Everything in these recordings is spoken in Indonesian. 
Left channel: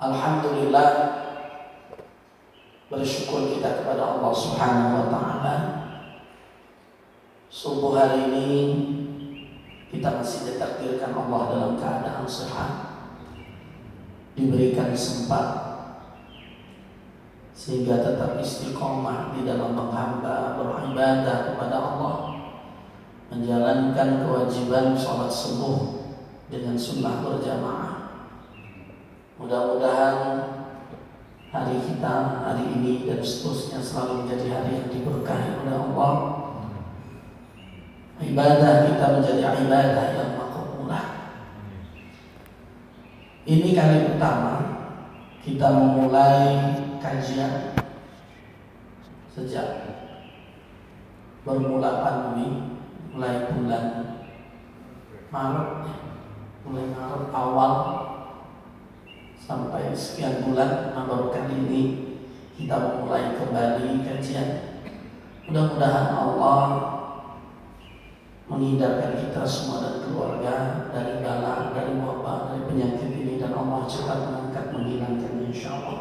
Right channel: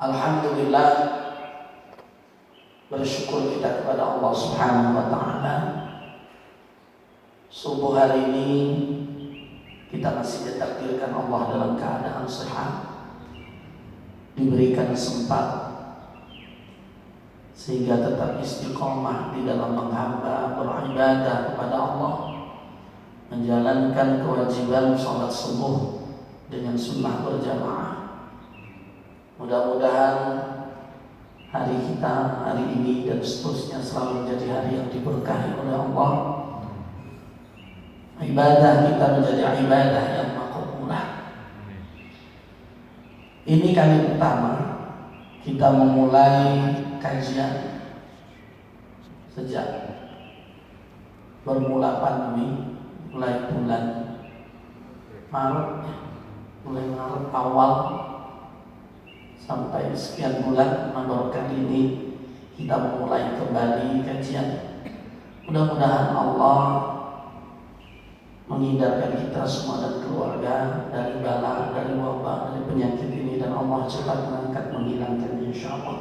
Alhamdulillah, bersyukur kita kepada Allah Subhanahu wa taala. Subuh hari ini kita masih ditakdirkan Allah dalam keadaan sehat, diberikan sempat sehingga tetap istiqomah di dalam menghamba, beribadah kepada Allah, menjalankan kewajiban sholat subuh dengan sunnah berjamaah. Mudah-mudahan hari kita, hari ini dan seterusnya selalu menjadi hari yang diberkahi oleh Allah. Ibadah kita menjadi ibadah yang makbulah. Ini kali pertama kita memulai kajian sejak bermula pandemi, mulai bulan Maret, mulai Maret awal sampai sekian bulan. Baru kali ini kita memulai kembali kajian. Mudah-mudahan Allah menghindarkan kita semua dan keluarga dari bala, dari wabah, dari penyakit ini, dan Allah cepat mengangkat, menghilangkan insyaallah.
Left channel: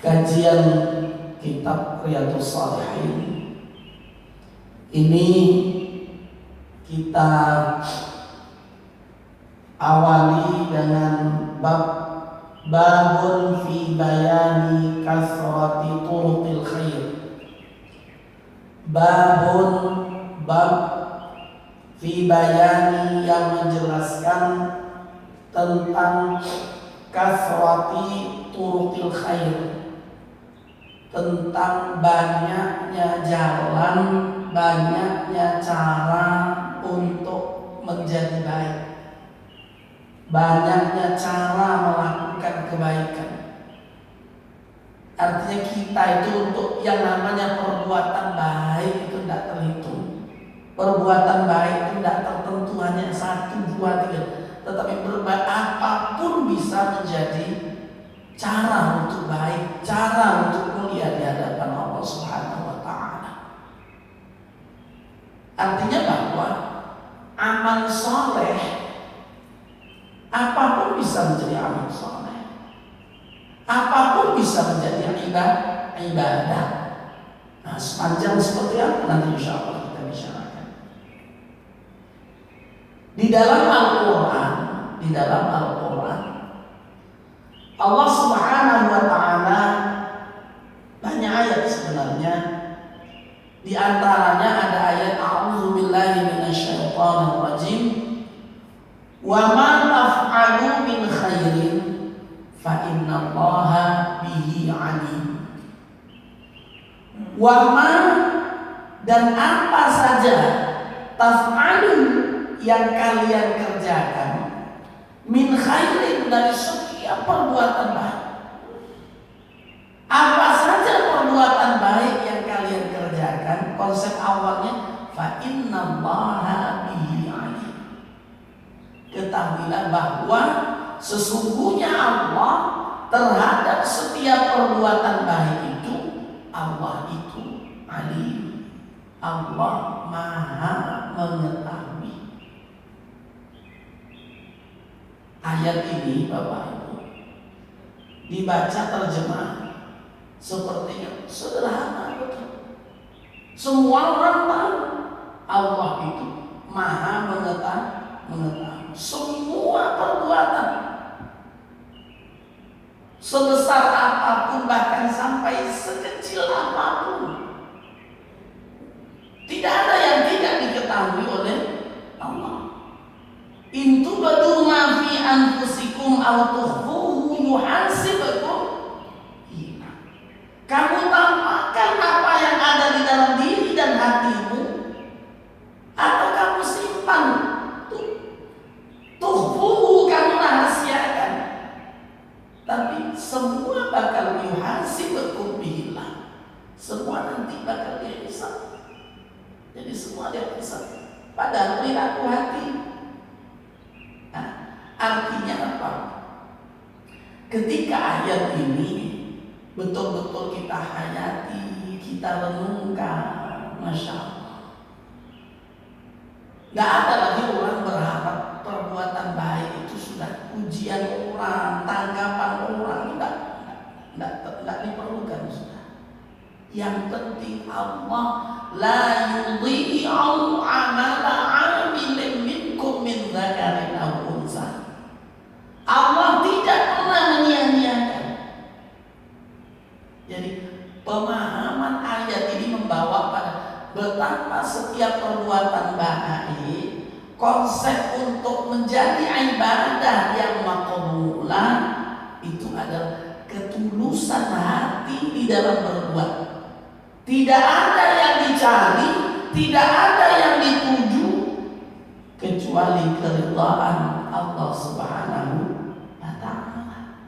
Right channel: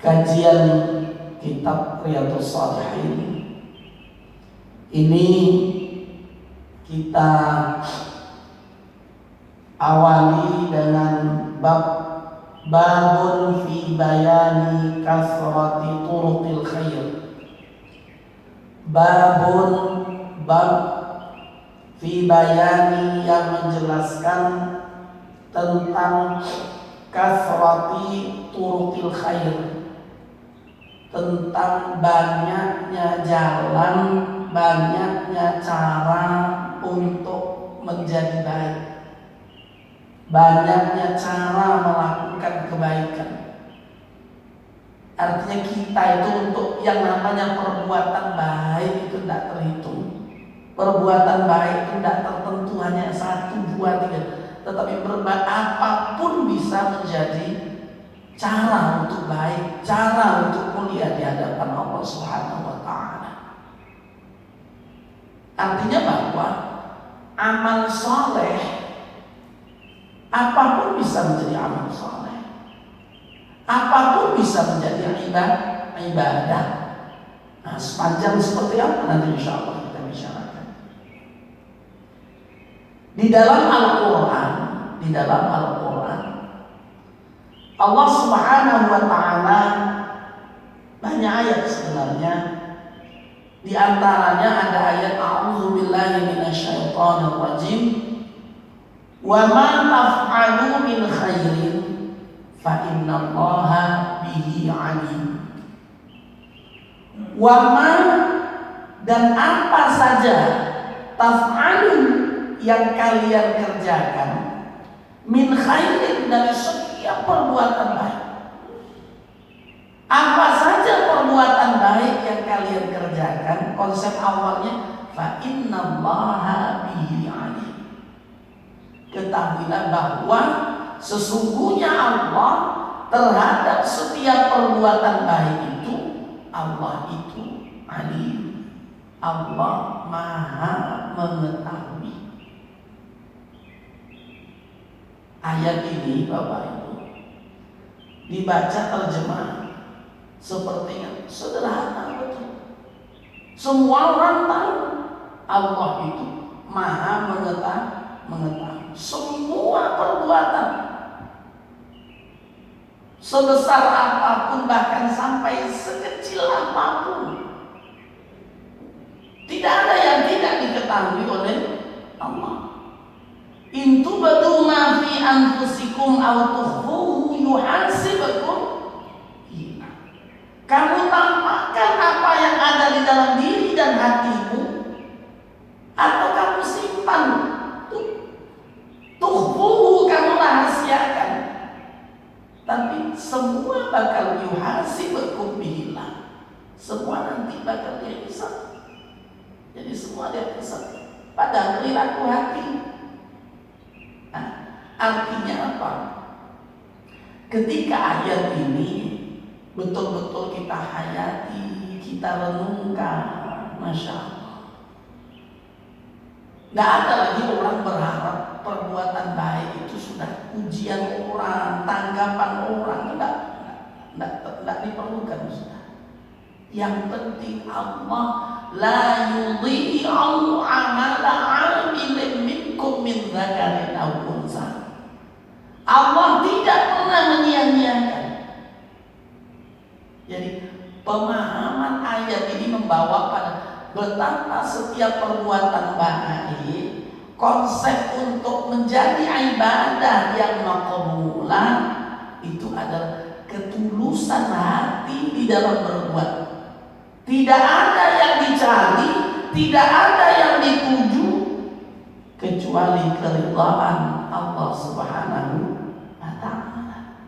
Kajian kitab Riyadhus Shalihin ini kita awali dengan babun fi bayani kasrati turuqil khair. Bab fi bayani yang menjelaskan tentang kasrati turuqil khair, tentang banyaknya jalan, banyaknya cara untuk menjadi baik, banyaknya cara melakukan kebaikan. Artinya kita itu untuk yang namanya perbuatan baik itu tidak terhitung. Perbuatan baik itu tidak tertentu hanya 1, 2, 3, tetapi apapun bisa menjadi cara untuk baik, cara untuk mulia di hadapan Allah Subhanahu wa taala. Artinya bahwa amal soleh apapun bisa menjadi amal soleh, apapun bisa menjadi ibadah. Nah, sepanjang seperti apa nanti insya Allah kita bicarakan. Di dalam Al-Quran, Allah Subhanahu wa taala banyak ayat sebenarnya. Di antaranya ada ayat a'udzubillahi minasyaitonir rajim. Wa ma taf'alu min khairin fa innallaha bihi alim. Wa ma, dan apa saja, taf'alu yang kalian kerjakan, min khairin, dari setiap perbuatan baik. Apa saja perbuatan baik yang kalian kerjakan, konsep awalnya fa innallaha bihi alim. Ketahuilah bahwa sesungguhnya Allah terhadap setiap perbuatan baik itu, Allah itu alim. Allah maha mengetahui. Ayat ini Bapak Ibu dibaca terjemah sepertinya sederhana betul. Semua orang tahu Allah itu maha mengetahui semua perbuatan, sebesar apapun, bahkan sampai sekecil apapun. Tidak ada yang tidak diketahui oleh Allah. In tubdu ma fi anfusikum aw tukhfuhu yuhasibukum. Kamu tampakkan apa yang ada di dalam diri dan hatimu, atau kamu simpan, tukhfuhu, kamu rahasiakan, tapi semua bakal yuhasibukum billah. Semua nanti bakal dihisab. Jadi semua dihisab pada perilaku hati. Nah, artinya apa? Ketika ayat ini betul-betul kita hayati, kita renungkan, Masya Allah, Nggak ada lagi orang berharap perbuatan baik itu sudah pujian orang, tanggapan orang, tidak diperlukan. Yang penting Allah la yudhi'u amala 'amilin minkum min dzakarin aw unsa. Allah tidak pernah menyia-nyiakan. Jadi pemahaman ayat ini membawa pada betapa setiap perbuatan baik, konsep untuk menjadi ibadah yang maqbulah itu adalah ketulusan hati di dalam berbuat. Tidak ada yang dicari, tidak ada yang dituju kecuali keridhaan Allah Subhanahu wa ta'ala.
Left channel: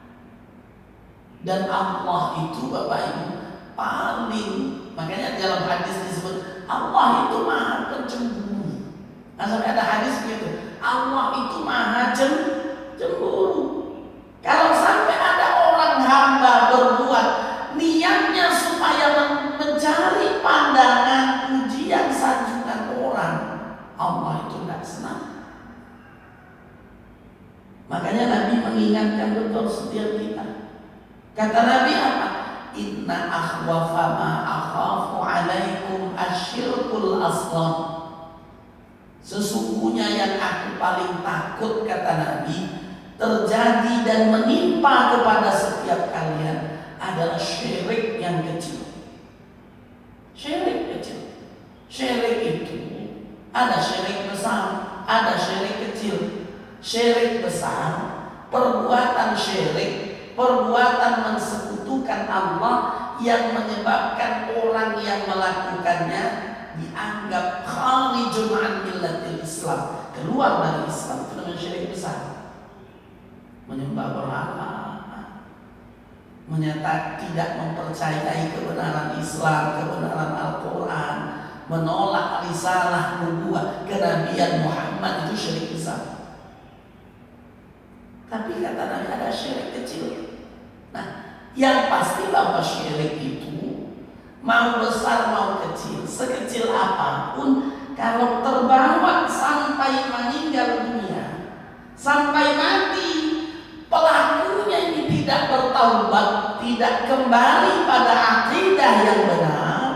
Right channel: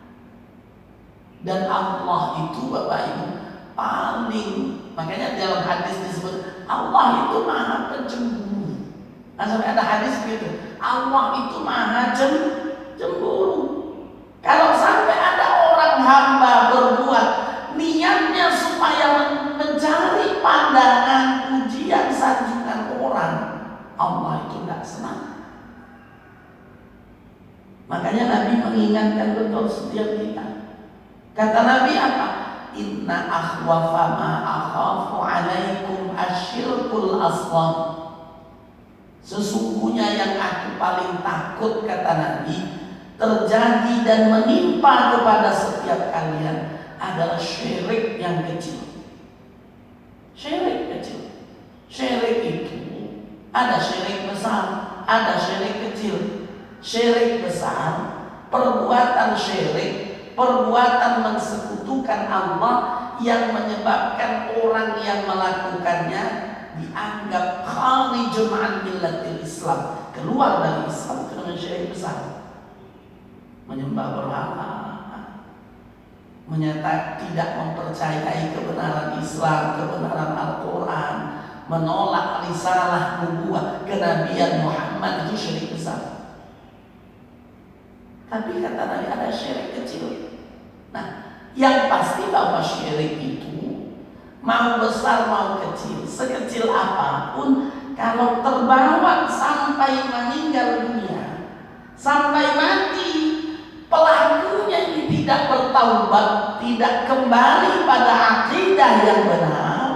Dan Allah itu Bapak Ibu paling, makanya dalam hadis disebut Allah itu maha pencemburu. Sampai ada hadis begitu, Allah itu maha cemburu. Kalau sampai ada orang hamba berbuat niatnya supaya mencari pandangan, pujian, sanjungan orang, Allah itu tidak senang. Makanya Nabi mengingatkan betul setiap kita. Kata Nabi apa? Inna akhwafa ma akhafu alaikum asyirkul asghar. Sesungguhnya yang aku paling takut, kata Nabi, terjadi dan menimpa kepada setiap kalian adalah syirik yang kecil. Syirik kecil. Syirik itu ada syirik besar, ada syirik kecil. Syirik besar, perbuatan syirik, perbuatan mensekutukan Allah yang menyebabkan orang yang melakukannya dianggap kharijun an millatil Islam, keluar dari Islam. Itu namanya syirik besar. Menyembah berhala, menyatakan tidak mempercayai kebenaran Islam, kebenaran Al-Quran, menolak risalah nubuwah kenabian Muhammad, itu syirik besar. Tapi kata Nabi ada syirik kecil. Nah, yang pasti bahwa syirik itu mau besar mau kecil, sekecil apapun, kalau terbawa sampai meninggal dunia, sampai mati, pelakunya ini tidak bertaubat, tidak kembali pada akidah yang benar,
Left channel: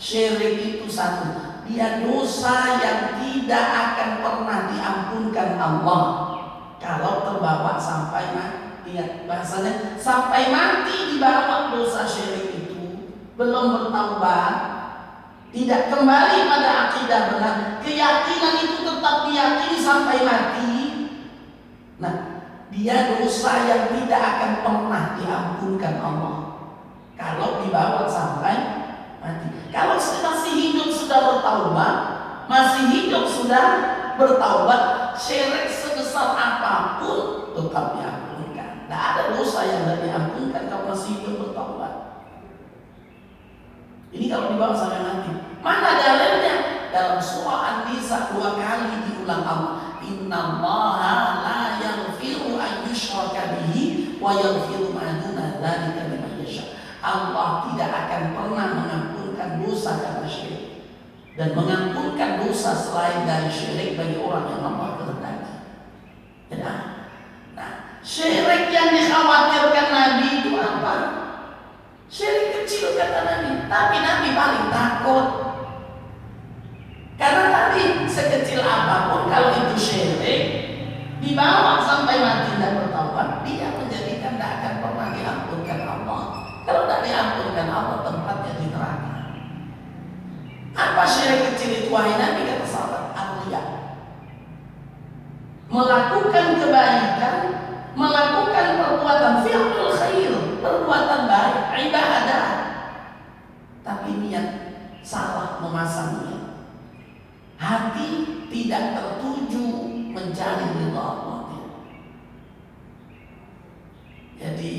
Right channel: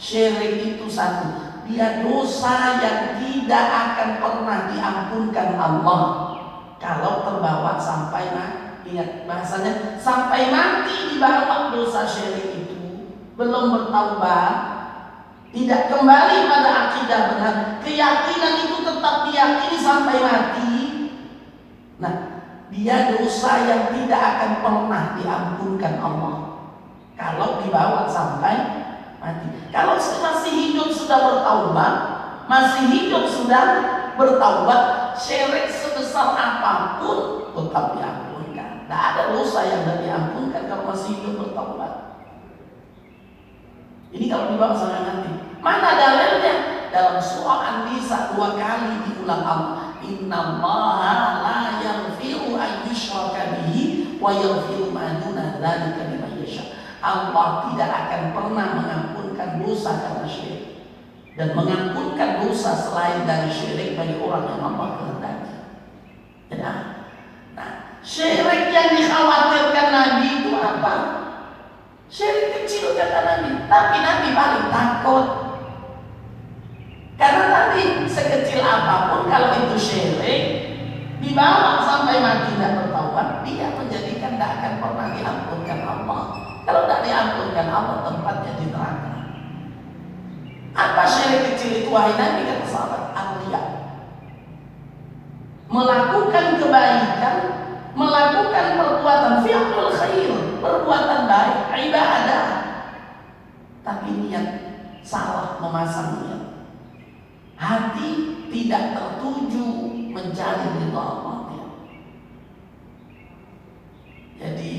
syirik itu satu, dia dosa yang tidak akan pernah diampunkan Allah kalau terbawa sampai mati. Ingat bahasanya, sampai mati dibawa dosa syirik itu, belum bertaubat, tidak kembali pada akidah benar, keyakinan itu tetap diyakini sampai mati. Nah, dia dosa yang tidak akan pernah diampunkan Allah kalau dibawa sampai mati. Kalau masih hidup sudah bertaubat, masih hidup sudah bertaubat, syirik sebesar apapun tetap diampunkan. Tidak ada dosa yang tidak diampunkan kalau masih hidup bertaubat. Ini kalau dibawa sampai mati. Mana dalilnya? Dalam surah An-Nisa 2 kali diulang Allah. Innallaha la yaghfiru an yushraka bihi wa yaghfiru ma duna dzalika liman yasha. Allah tidak akan pernah mengampunkan dosa karena syirik, dan mengampunkan dosa selain dari syirik bagi orang yang Allah kehendaki. Ya. Nah, syirik yang dikhawatirkan Nabi itu apa? Syirik kecil kata Nabi, tapi Nabi paling takut. Karena tadi sekecil apapun kalau itu syirik, dibawa sampai mati dan bertaubat, dia menjadikan tidak akan pernah diampunkan Allah. Kalau tidak diampunkan Allah, tempatnya di neraka. Apa syirik kecil itu wahai Nabi? Kata sahabat, ar-riya. Melakukan kebaikan, melakukan perbuatan fi'lul khair, perbuatan baik, ibadah, tapi niat salah, memasang niat, hati tidak tertuju mencari ridha Allah. Jadi,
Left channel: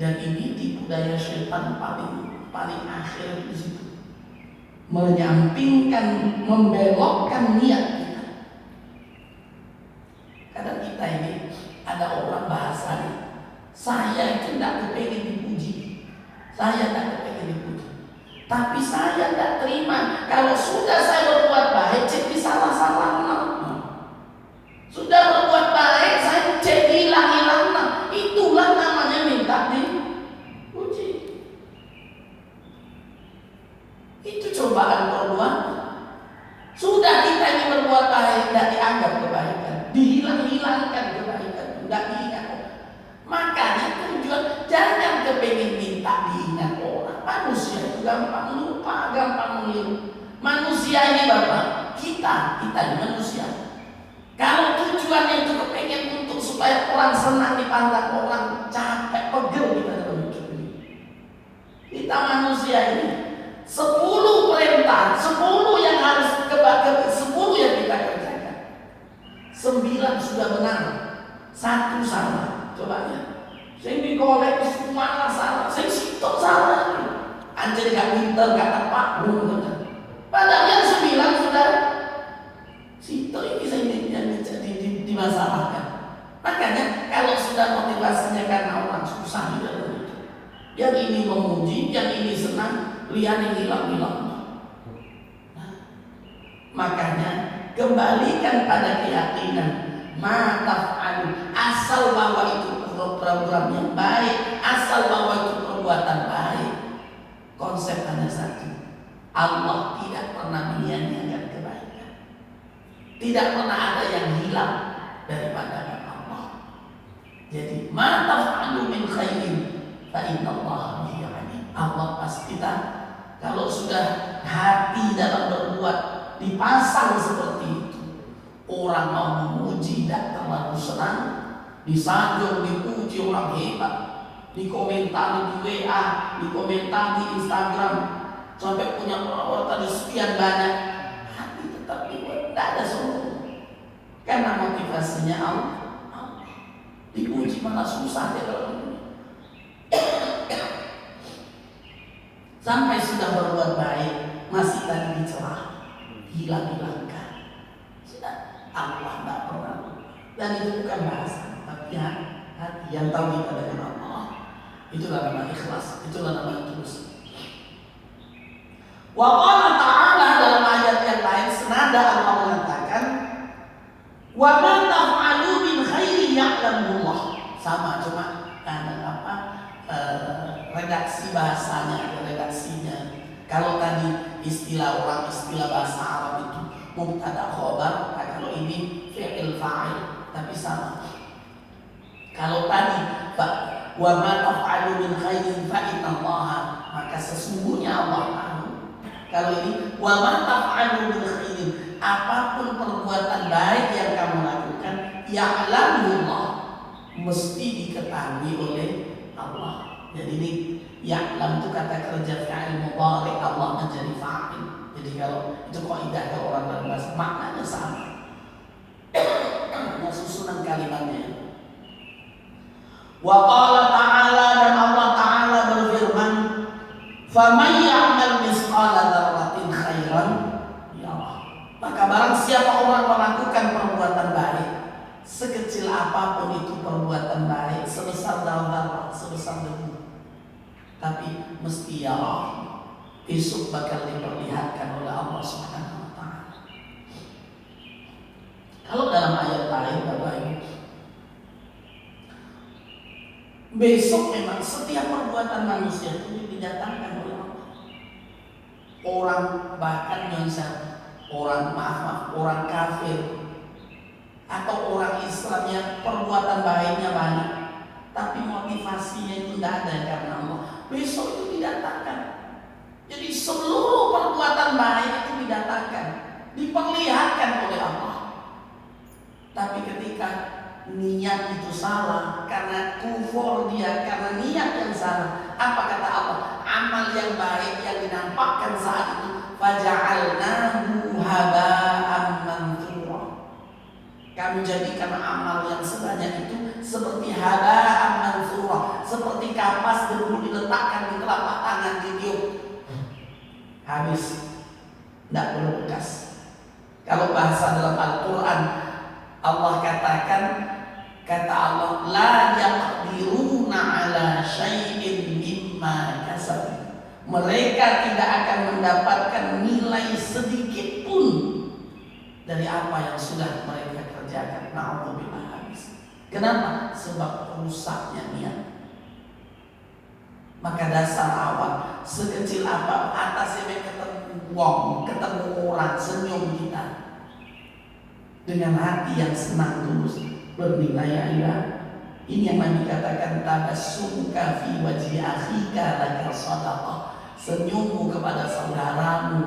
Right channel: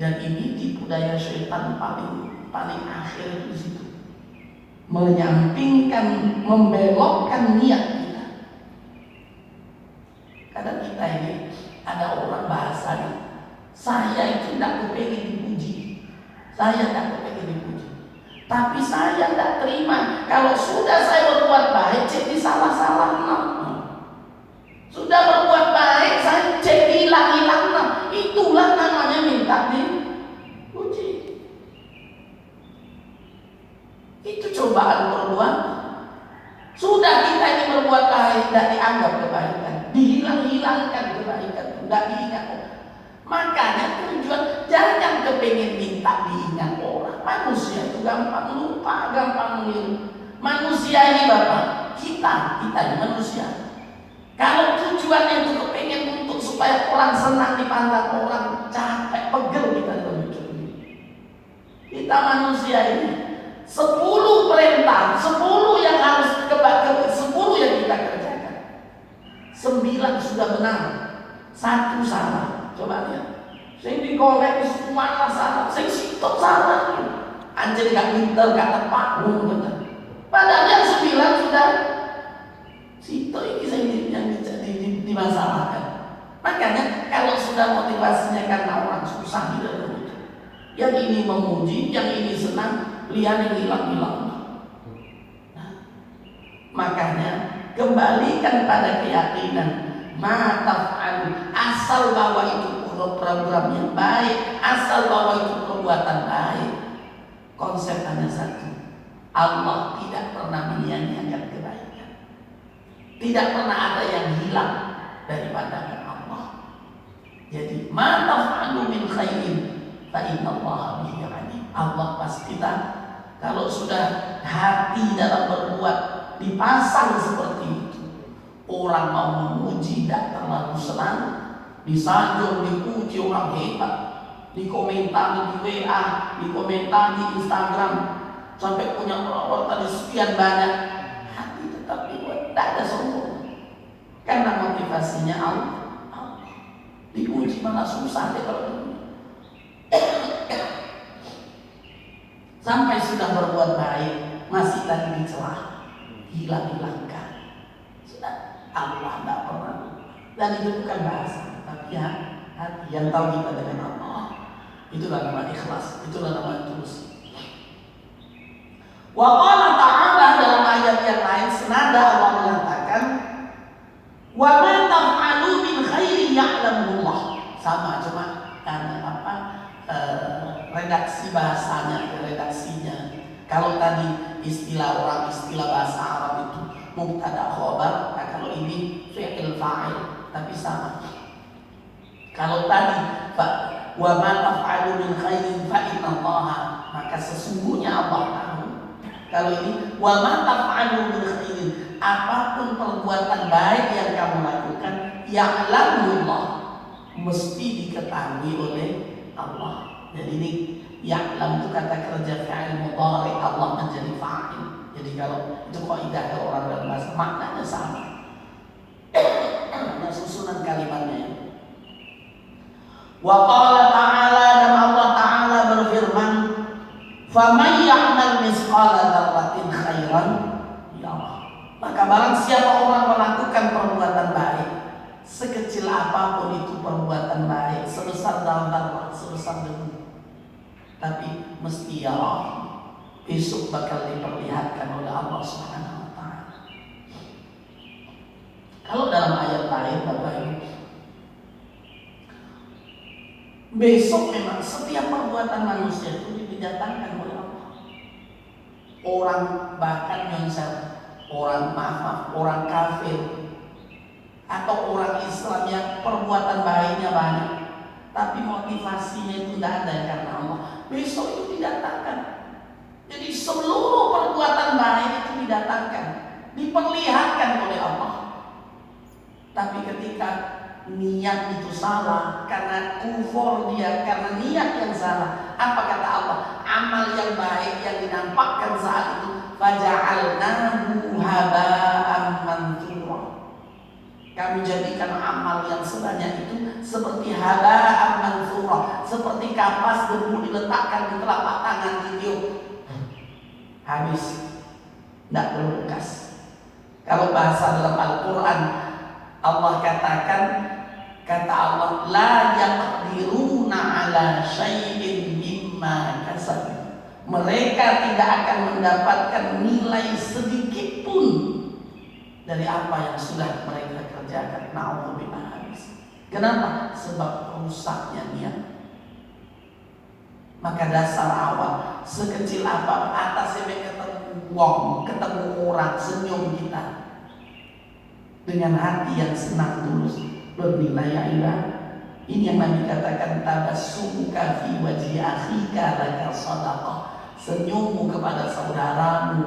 dan ini tipu daya syaitan paling akhir di situ, menyampingkan, membelokkan niat kita. Kadang kita ini ada orang bahasanya, saya itu tidak kepengen dipuji, saya tidak kepengen dipuji, tapi saya tidak terima kalau sudah saya berbuat baik jadi salah-salah. Sudah berbuat baik saya jadi berbuat baik tidak dianggap kebaikan, dihilang-hilangkan kebaikan, tidak diingat. Makanya tujuan jangan kepengen minta diingat orang. Manusia itu gampang lupa, gampang meniru. Manusia ini Bapak, kita ini manusia. Kalau tujuannya itu kepengen untuk supaya orang senang dipandang orang, capek, pegel kita dalam hidup ini. Kita manusia ini 10 perintah, 10 yang harus 10 yang kita kerjakan. 9 sudah benar, 1 salah. Coba lihat. Saya dikolek semua salah, saya sitok salah. Anjir gak pinter, gak tepat, padahal yang 9 sudah sitok ini saya dimasalahkan. Makanya kalau sudah motivasinya karena orang susah juga. Yang ini memuji, yang ini senang, lihat yang hilang-hilang. Nah, makanya kembalikan pada keyakinan mataf'alu, asal bahwa itu program yang baik, asal bahwa itu perbuatan baik. Konsep hanya satu, Allah tidak pernah menyia-nyiakan kebaikan. Tidak pernah ada yang hilang dari pandangan Allah. Jadi mataf'alu min khairin fa innallaha bihi alim. Allah pasti tahu. Kalau sudah hati dalam berbuat dipasang seperti itu, orang mau memuji tidak terlalu senang, disanjung, dipuji orang hebat, dikomentari di WA, dikomentari di Instagram, sampai punya orang tadi sekian banyak, hati tetap dibuat, tidak ada sombong. Karena motivasinya Allah. Dipuji malah susah deh kalau ini. Sampai sudah berbuat baik, masih tadi dicela, hilang-hilangkan. Sudah, Allah tidak pernah. Dan itu bukan bahasa, tapi ya hati yang tahu kita dengan Allah. Itulah nama ikhlas, itulah nama tulus. Wa qala ta'ala dalam ayat yang lain senada Allah mengatakan, wa ma taf'alu min khairi ya'lamullah. Sama cuma redaksi bahasanya, redaksinya. Kalau tadi istilah orang, istilah bahasa Arab itu mubtada khobar, nah kalau ini fi'il fa'il, tapi sama. Kalau tadi wa ma taf'alu min khairin fa innallaha, maka sesungguhnya Allah tahu. Kalau ini wa ma taf'alu min khairin, apapun perbuatan baik yang kamu lakukan, ya'lamullah, mesti diketahui oleh Allah. Jadi ini ya'lam itu kata kerja fa'il mudhari, Allah menjadi fa'il. Jadi kalau itu kaidah kalau orang dalam bahasa maknanya sama. Nah, susunan kalimatnya. Wa qala ta'ala, dan Allah Ta'ala berfirman, faman ya'mal misqala dzarratin khairan yarah. Maka barang siapa orang melakukan perbuatan baik, sekecil apapun itu perbuatan baik, sebesar zarrah, sebesar debu, tapi mesti ya Allah besok bakal diperlihatkan oleh Allah Subhanahu wa ta'ala. Kalau dalam ayat lain Bapak Ibu, besok memang setiap perbuatan manusia itu didatangkan oleh Allah. Orang bahkan yang orang orang kafir atau orang Islam yang perbuatan baiknya banyak, tapi motivasinya itu tidak ada karena Allah, besok itu didatangkan. Jadi seluruh perbuatan baik itu didatangkan, diperlihatkan oleh Allah. Tapi ketika niat itu salah, karena kufur dia, karena niat yang salah, apa kata Allah? Amal yang baik yang dinampakkan saat itu, faja'alnahu haba'an manthura. Kami jadikan amal yang sebanyak itu seperti haba'an manthura, seperti kapas debu diletakkan di telapak tangan ditiup, habis, tidak berbekas. Kalau bahasa dalam Al-Quran, Allah katakan, kata Allah, la yaqdiruna ala syai'in mimma kasabu. Mereka tidak akan mendapatkan nilai sedikit pun dari apa yang sudah mereka kerjakan. Na'udzubillah habis. Kenapa? Sebab rusaknya niat. Maka dasar awal, sekecil apa atasnya ketemu wong, ketemu orang, senyum kita, dengan hati yang senang tulus bernilai ibadah. Ini yang Nabi katakan, tabassumuka fi wajhi akhika laka shadaqah. Senyummu kepada saudaramu,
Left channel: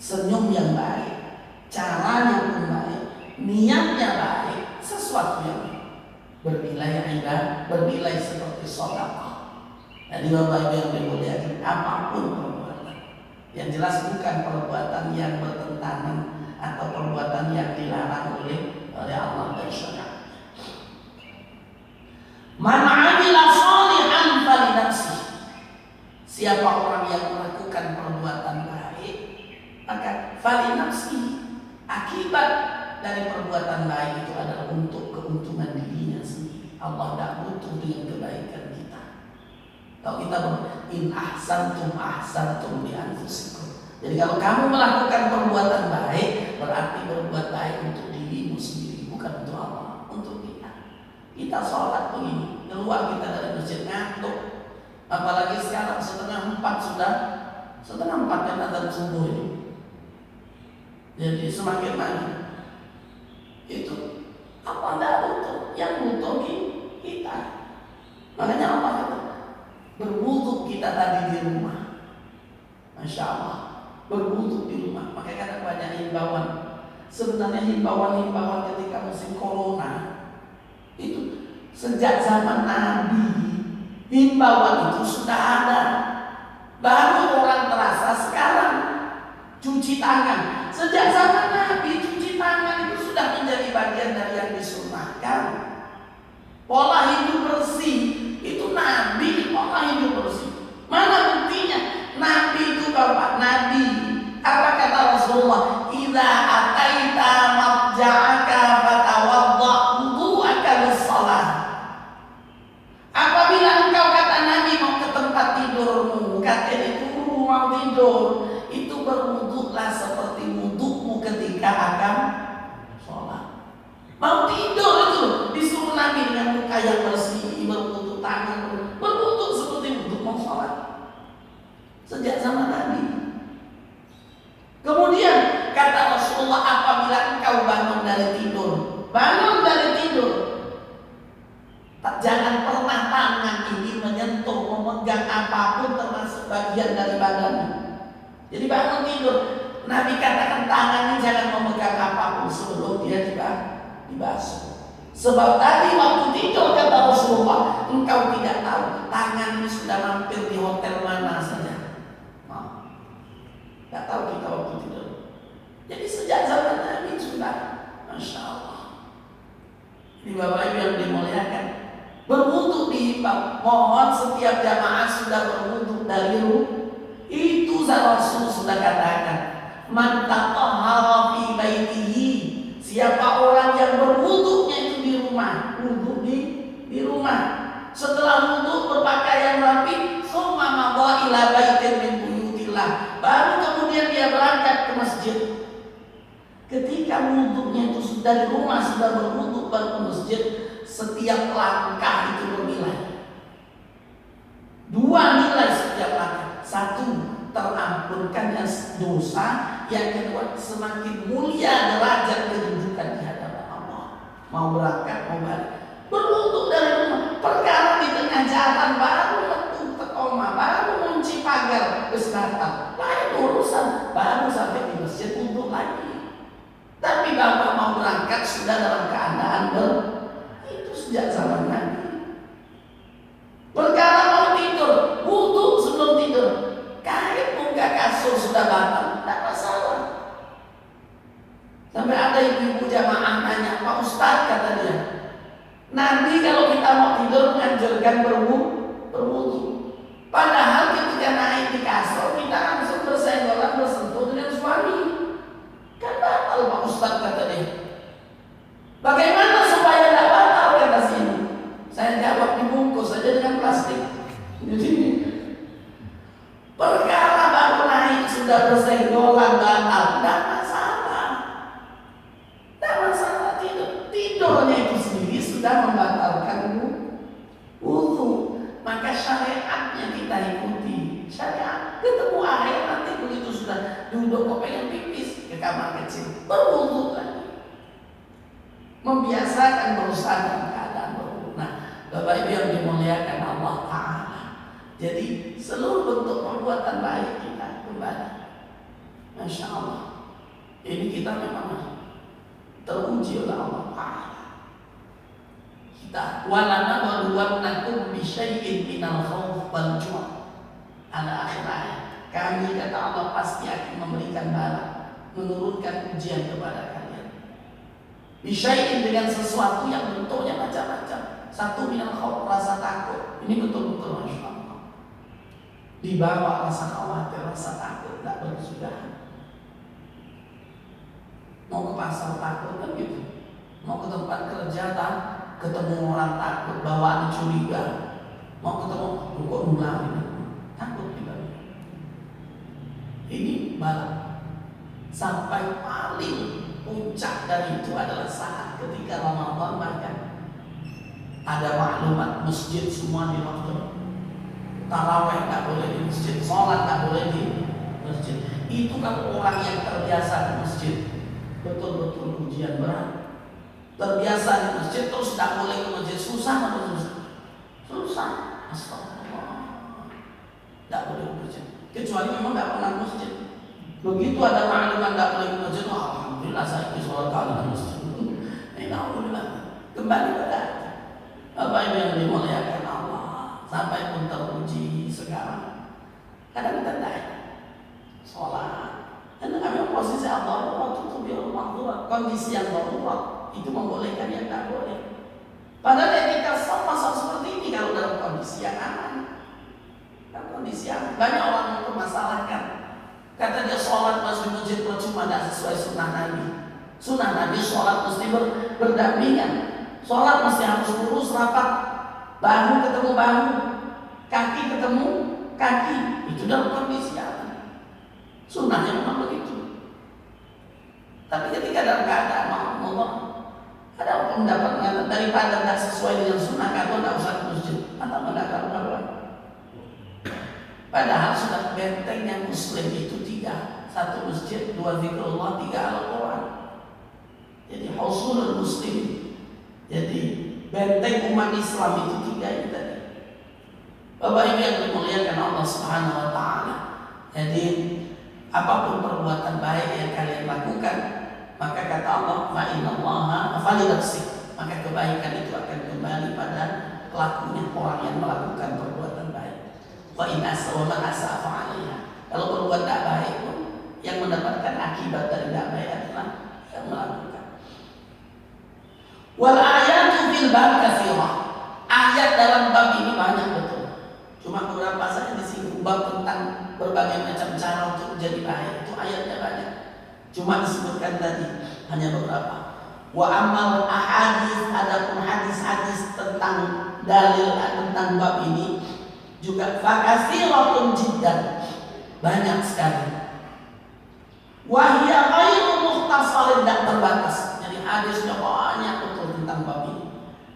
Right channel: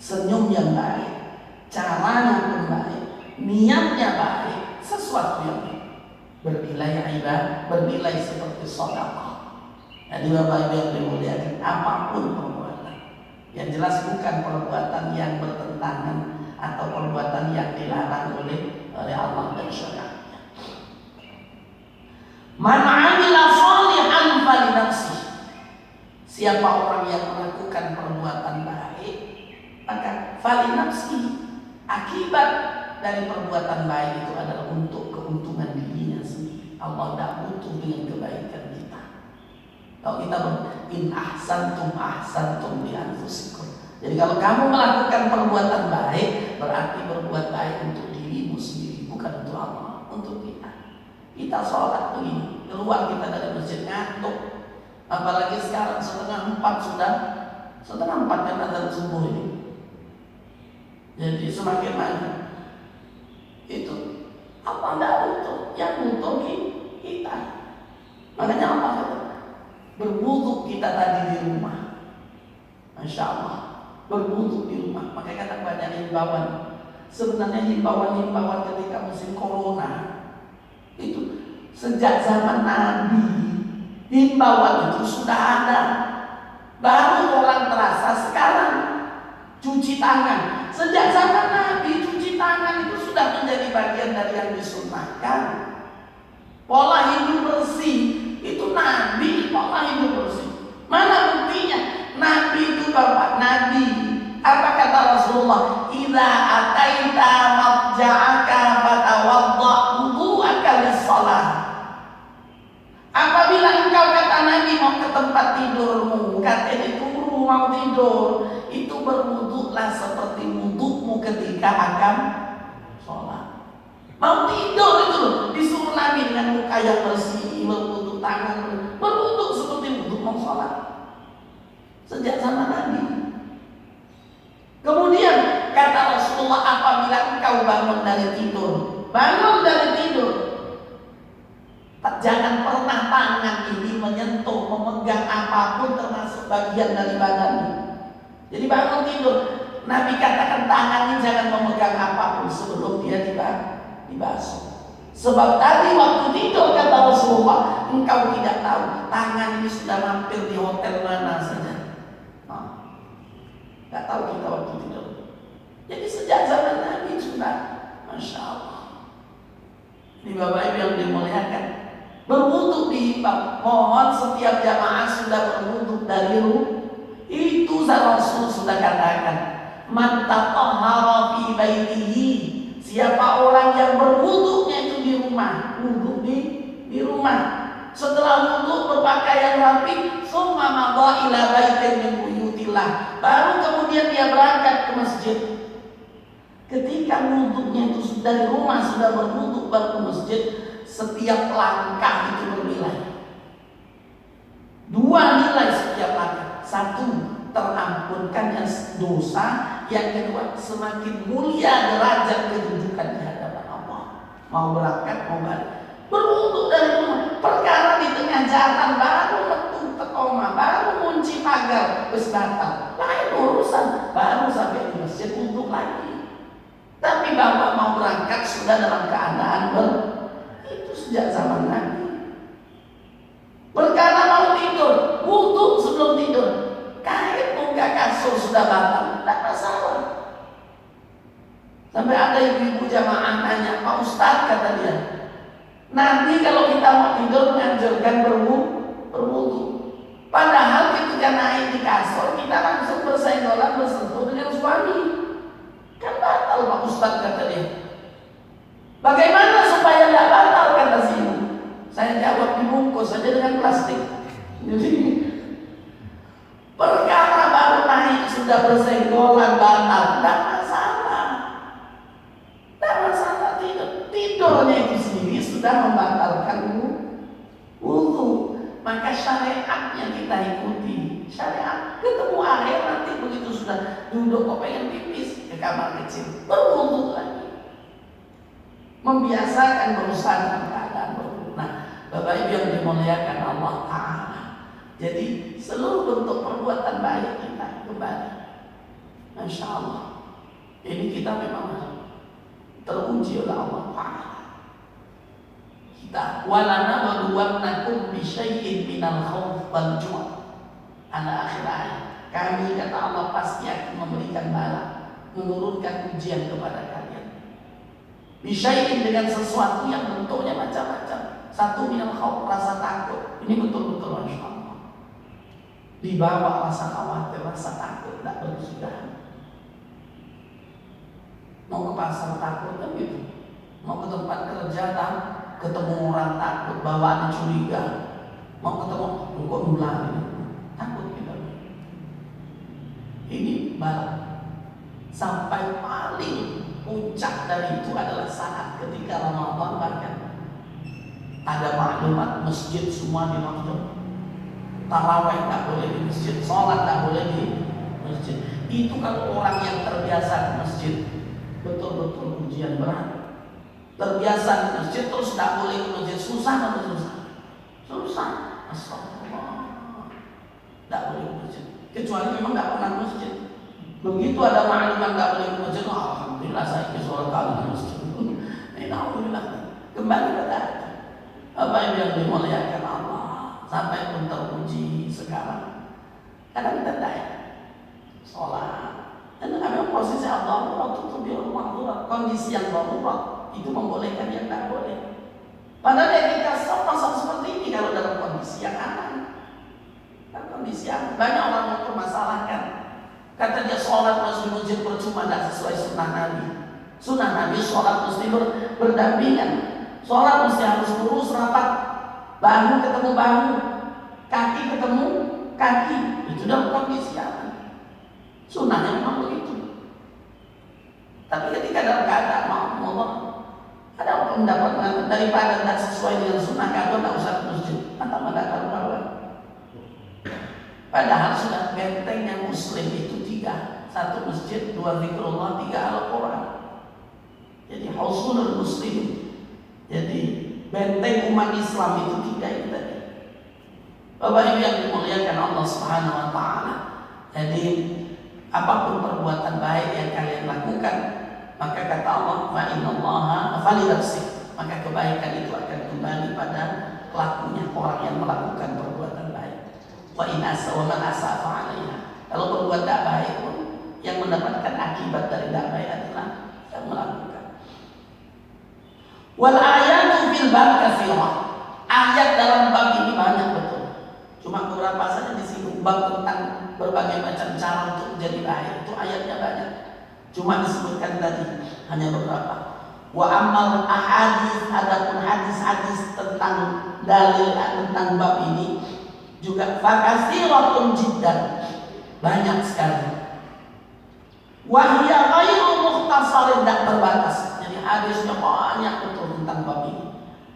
senyum yang baik, caranya pun baik, niatnya baik, sesuatu yang bernilai ibadah, bernilai seperti shadaqah. Jadi Bapak Ibu yang dimuliakan, apapun perbuatan, yang jelas bukan perbuatan yang bertentangan atau perbuatan yang dilarang oleh Allah dan syariat. Man 'amila shalihan falinafsih. Siapa orang yang melakukan perbuatan baik, maka falinafsih. Akibat dari perbuatan baik itu adalah untuk keuntungan dirinya sendiri. Allah tidak butuh dengan kebaikan kita. Kalau kita in ahsantum ahsantum li anfusikum. Jadi kalau kamu melakukan perbuatan baik, berarti berbuat baik untuk dirimu sendiri, bukan untuk Allah, untuk kita. Kita sholat begini, keluar kita dari masjid ngantuk. Apalagi sekarang setengah 4 kan azan subuh ini. Jadi semakin maju itu apa enggak butuh, yang butuh kita. Makanya apa itu? Berwudu kita tadi di rumah. Masya Allah, berwudu di rumah. Makanya kadang banyak himbauan. Sebenarnya himbauan ketika musim corona itu sejak zaman Nabi, himbauan itu sudah ada. Baru orang terasa sekarang. Cuci tangan, sejak zaman Nabi cuci tangan itu sudah menjadi bagian dari yang disunnahkan. Pola hidup bersih itu Nabi, pola hidup bersih. Mana buktinya? Nabi itu Bapak Nabi. Apa kata Rasulullah? Idza ataita marja'aka fatawadda wudu'aka lis-shalah. Apabila engkau kata Nabi mau ke tempat tidurmu, kata itu mau tidur, itu berwuduklah seperti wudukmu ketika akan sholat. Mau tidur itu disuruh Nabi dengan muka yang bersih, berwuduk tangan, berwuduk seperti wuduk mau sholat. Sejak zaman Nabi. Kemudian kata Rasulullah, apabila engkau bangun dari tidur, jangan pernah tangan ini menyentuh, memegang apapun termasuk bagian dari badanmu. Jadi bangun tidur, Nabi katakan tangan ini jangan memegang apapun sebelum dia dibasuh. Sebab tadi waktu tidur kata Rasulullah, engkau tidak tahu tangan ini sudah mampir di hotel mana saja. Tidak tahu kita waktu tidur. Jadi sejak zaman Nabi sudah, Masya Allah. Ini Bapak Ibu yang dimuliakan, berwudu diimbau. Mohon setiap jamaah sudah berwudu dari rumah. Itu Rasul sudah katakan, man tatahhara fi baitihi. Siapa orang yang berwudunya itu di rumah, wudu di rumah. Setelah wudu berpakaian rapi, summa madha ila baitin min buyutillah. Baru kemudian dia berangkat ke masjid. Ketika wudunya itu sudah di rumah, sudah berwudu baru ke masjid, setiap langkah itu bernilai. 2 nilai setiap langkah. 1, terampunkannya dosa. Yang kedua, semakin mulia derajat kedudukan di hadapan Allah. Mau berangkat, mau balik, berwudu dari rumah. Perkara di tengah jalan baru letuk tekoma, baru kunci pagar, terus datang, lain urusan, baru sampai di masjid wudu lagi. Tapi bapak mau berangkat sudah dalam keadaan itu sejak zaman Nabi. Perkara mau tidur, wudu sebelum tidur, kain muka kasur sudah batal, tidak masalah. Sampai ada ibu-ibu jamaah nanya, Pak Ustaz, kata dia, Nabi kalau kita mau tidur menganjurkan berwudu. Padahal ketika naik di kasur kita langsung bersenggolan bersentuh dengan suami. Kan batal Pak Ustaz, kata dia. Bagaimana supaya tidak batal, kata sini. Saya jawab, dibungkus saja dengan plastik. Jadi perkara baru naik sudah bersenggolan batal, tidak masalah. Tidak masalah tidurnya itu sendiri sudah membatalkan wudu. Maka syariatnya kita ikuti. Syariat ketemu air nanti begitu sudah duduk kok pengen pipis ke kamar kecil, berwudu lagi. Membiasakan berusaha dalam keadaan berwudu. Nah, Bapak Ibu yang dimuliakan Allah Ta'ala, jadi seluruh bentuk perbuatan baik kita kembali, Masya Allah, ini kita memang teruji oleh Allah Ta'ala. Kita walana maluwannakum bisyai'in minal khawf wal ju' ala akhir ayat. Kami, kata Allah, pasti akan memberikan bala, menurunkan ujian kepada kalian. Bisyai'in dengan sesuatu yang bentuknya macam-macam. Satu minal khawf, rasa takut. Ini betul-betul Masya Allah. Dibawa rasa khawatir, rasa takut, tidak berkesudahan. Mau ke pasar takut kan gitu. Mau ke tempat kerja kan ketemu orang takut, bawaan curiga. Mau ketemu kok nular ini, takut kita. Ini bala. Sampai paling puncak dari itu adalah saat ketika Ramadan, bahkan ada maklumat masjid semua di lockdown. Tarawih tak boleh di masjid, sholat tak boleh di masjid. Itu kalau orang yang terbiasa di masjid, betul-betul ujian berat. Terbiasa di masjid terus tak boleh ke masjid, susah atau susah? Susah. Astagfirullah. Tak boleh ke masjid. Kecuali memang tak pernah ke masjid. Begitu ada maklumat tak boleh ke masjid, oh, alhamdulillah saya ke sholat kali di masjid. Alhamdulillah. Kembali pada apa yang dimuliakan Allah. Sampai pun teruji sekarang. Kadang kita tak sholat. Dan kami posisi Allah itu biar maklumat. Kondisi yang darurat itu membolehkan yang tak boleh. Padahal ketika masa seperti ini kalau dalam kondisi yang aman, dalam kondisi yang banyak orang yang mempermasalahkan. Kata dia sholat masih masjid percuma, tidak sesuai sunnah Nabi. Sunnah Nabi sholat mesti berdampingan. Sholat mesti harus lurus rapat, bahu ketemu bahu, kaki ketemu kaki. Itu dalam kondisi aman. Sunnahnya memang begitu. Tapi ketika dalam keadaan Allah, ada pendapat daripada tidak sesuai dengan sunnah, kalau tidak usah ke masjid atau mendapat karuan. Padahal sudah bentengnya Muslim itu 3, 1 masjid, 2 zikrullah, 3 Al-Quran. Jadi hausunul Muslim, jadi benteng umat Islam itu 3 itu tadi. Bapak Ibu yang dimuliakan Allah Subhanahu Wa Taala, jadi apapun perbuatan baik yang kalian lakukan, maka kata Allah, ma'inallaha falinafsik, maka kebaikan itu akan kembali pada pelakunya, orang yang melakukan perbuatan baik. Wa in asawa man asafa 'alaiha. Kalau berbuat tak baik pun, yang mendapatkan akibat dari tak baik adalah yang melakukan. Wal ayatu fil bab katsirah. Ayat dalam bab ini banyak betul. Cuma beberapa saja disinggung, bab tentang berbagai macam cara untuk menjadi baik. Itu ayatnya banyak. Cuma disebutkan tadi hanya beberapa. Wa amal ahadits, adapun hadis-hadis tentang dalil tentang bab ini juga fakasiratun jiddan, banyak sekali. Wa hiya ghairu mukhtasarin, tidak terbatas. Jadi hadisnya banyak betul tentang bab ini.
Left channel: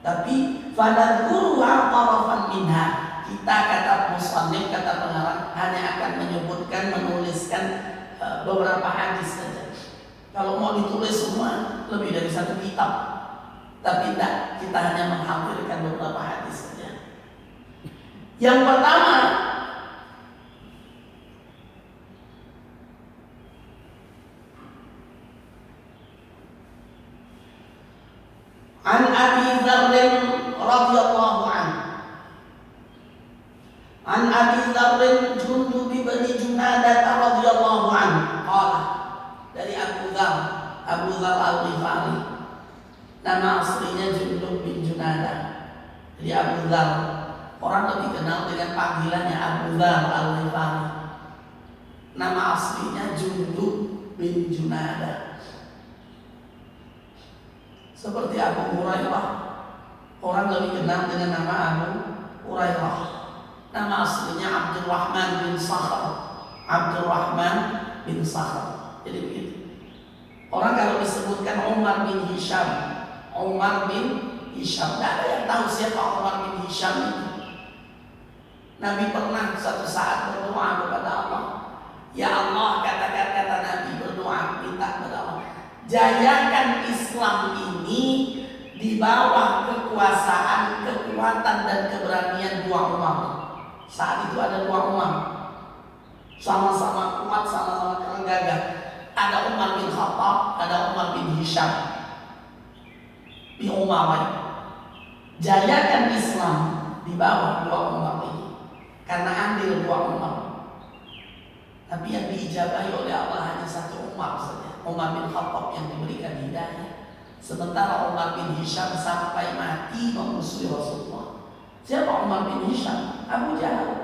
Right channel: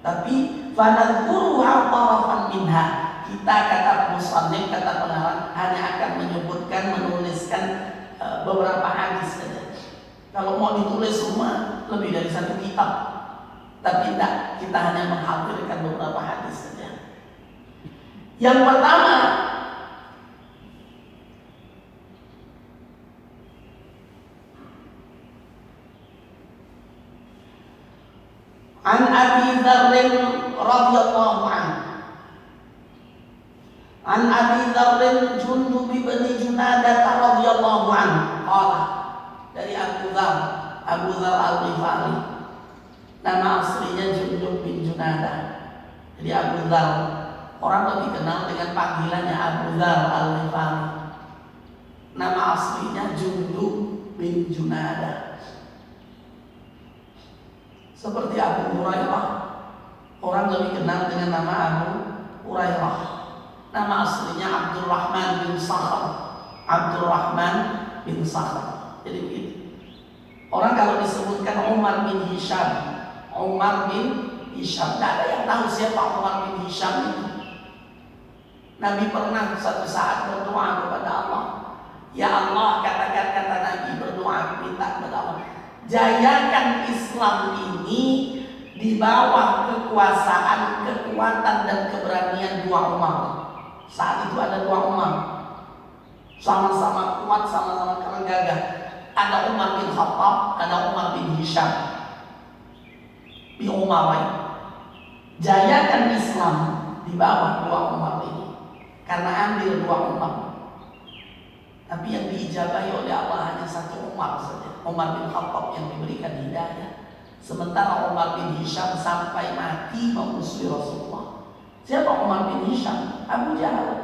Tapi fadhkuruha tarafan minha. Kita kata musannif, kata pengarang, hanya akan menyebutkan, menuliskan beberapa hadis saja. Kalau mau ditulis semua lebih dari 1 kitab. Tapi tidak, kita hanya menghadirkan beberapa hadis saja. Yang pertama, an Abi Dzar radhiyallahu anhu. An Abi Dzar Jundub bin Junadah radhiyallahu anhu qala, dari Abu Dzar Al-Ghifari, nama aslinya Jundub bin Junadah. Jadi Abu Dzar, orang lebih kenal dengan panggilannya Abu Dzar Al-Ghifari. Nama aslinya Jundub bin Junadah. Seperti Abu Hurairah, orang lebih kenal dengan nama Abu Hurairah. Nama aslinya Abdurrahman bin Sakhr. Abdurrahman bin Sakhr. Jadi begitu. Orang kalau disebutkan Umar bin Hisham, tidak ada yang tahu siapa Umar bin Hisham itu. Nabi pernah suatu saat berdoa kepada Allah, Ya Allah, kata Nabi berdoa minta kepada Allah, jayakan Islam ini di bawah kekuasaan, kekuatan dan keberanian dua Umar. Saat itu ada dua Umar, sama-sama kuat, sama-sama keren gagah. Ada Umar bin Khattab, ada Umar bin Hisham bin Umayyah. Jayakan Islam di bawah dua Umar ini, karena andil dua Umar. Tapi yang diijabahi oleh Allah hanya satu Umar saja, Umar bin Khattab yang diberikan hidayah. Sementara Umar bin Hisham sampai mati memusuhi Rasulullah. Siapa Umar bin Hisham? Abu Jahal.